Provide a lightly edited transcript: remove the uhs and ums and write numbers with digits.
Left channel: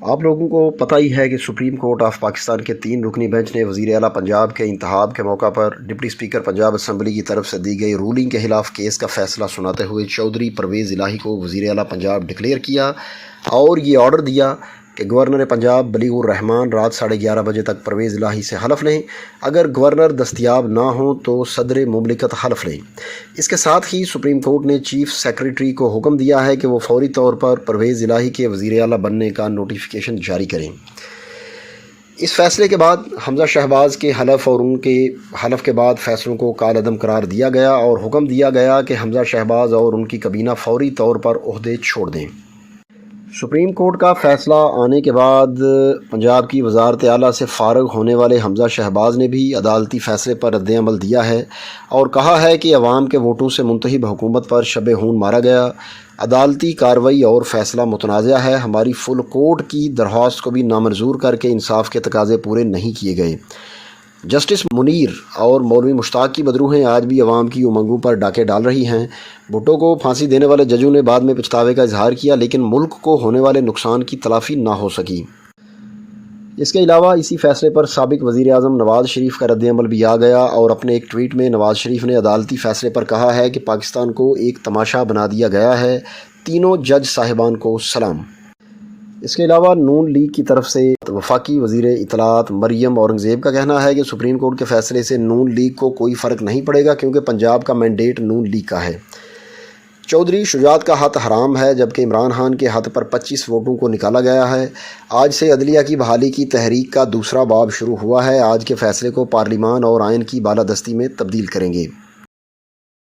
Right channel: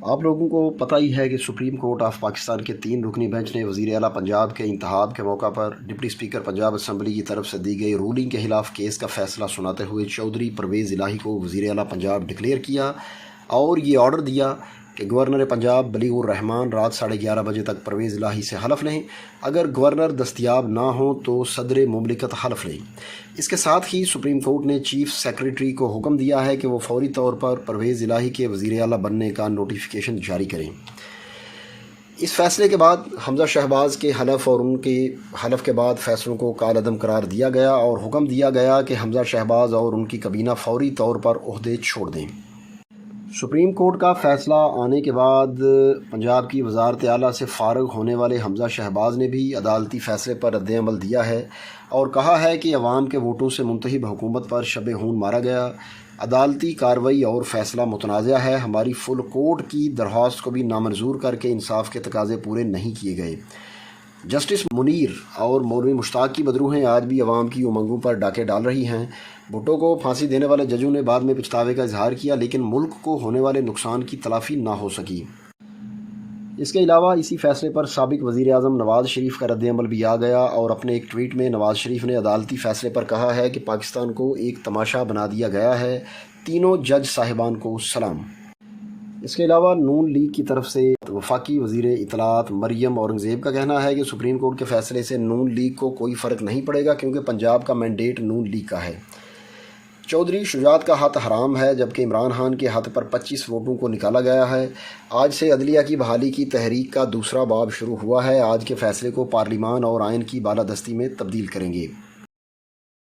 آپ لوگوں کو پتہ ہی ہے کہ سپریم کورٹ آف پاکستان کے 3 رکنی بینچ نے وزیر اعلیٰ پنجاب کے انتخاب کے موقع پر ڈپٹی اسپیکر پنجاب اسمبلی کی طرف سے دی گئی رولنگ کے خلاف کیس کا فیصلہ سناتے ہوئے چودھری پرویز الہی کو وزیر اعلیٰ پنجاب ڈکلیئر کیا اور یہ آرڈر دیا کہ گورنر پنجاب بلیغ الرحمان رات 11:30 بجے تک پرویز الہی سے حلف لیں۔ اگر گورنر دستیاب نہ ہوں تو صدر مملکت حلف لیں۔ اس کے ساتھ ہی سپریم کورٹ نے چیف سیکریٹری کو حکم دیا ہے کہ وہ فوری طور پر پرویز الہی کے وزیر اعلیٰ بننے کا نوٹیفیکیشن جاری کریں۔ اس فیصلے کے بعد حمزہ شہباز کے حلف اور ان کے حلف کے بعد فیصلوں کو کالعدم قرار دیا گیا اور حکم دیا گیا کہ حمزہ شہباز اور ان کی کابینہ فوری طور پر عہدے چھوڑ دیں۔ سپریم کورٹ کا فیصلہ آنے کے بعد پنجاب کی وزارت اعلیٰ سے فارغ ہونے والے حمزہ شہباز نے بھی عدالتی فیصلے پر رد عمل دیا ہے اور کہا ہے کہ عوام کے ووٹوں سے منتخب حکومت پر شب خون مارا گیا۔ عدالتی کارروائی اور فیصلہ متنازع ہے۔ ہماری فل کورٹ کی درخواست کو بھی نامنظور کر کے انصاف کے تقاضے پورے نہیں کیے گئے۔ جسٹس منیر اور مولوی مشتاق کی بدروہیں آج بھی عوام کی امنگوں پر ڈاکے ڈال رہی ہیں۔ بھٹو کو پھانسی دینے والے ججوں نے بعد میں پچھتاوے کا اظہار کیا، لیکن ملک کو ہونے والے نقصان کی تلافی نہ ہو سکی۔ اس کے علاوہ اسی فیصلے پر سابق وزیر اعظم نواز شریف کا رد عمل بھی آ گیا اور اپنے ایک ٹویٹ میں نواز شریف نے عدالتی فیصلے پر کہا ہے کہ پاکستان کو ایک تماشا بنا دیا گیا ہے۔ تینوں جج صاحبان کو سلام۔ اس کے علاوہ نون لیگ کی طرف سے وفاقی وزیر اطلاعات مریم اورنگزیب کا کہنا ہے کہ سپریم کورٹ کے فیصلے سے نون لیگ کو کوئی فرق نہیں پڑے گا کیونکہ پنجاب کا مینڈیٹ نون لیگ کا ہے۔ چودھری شجاعت کا ہاتھ حرام ہے جبکہ عمران خان کے ہاتھ پر 25 ووٹوں کو نکالا گیا ہے۔ آج سے عدلیہ کی بحالی کی تحریک کا دوسرا باب شروع ہوا ہے۔ آج کے فیصلے کو پارلیمان اور آئین کی بالادستی میں تبدیل کریں گے۔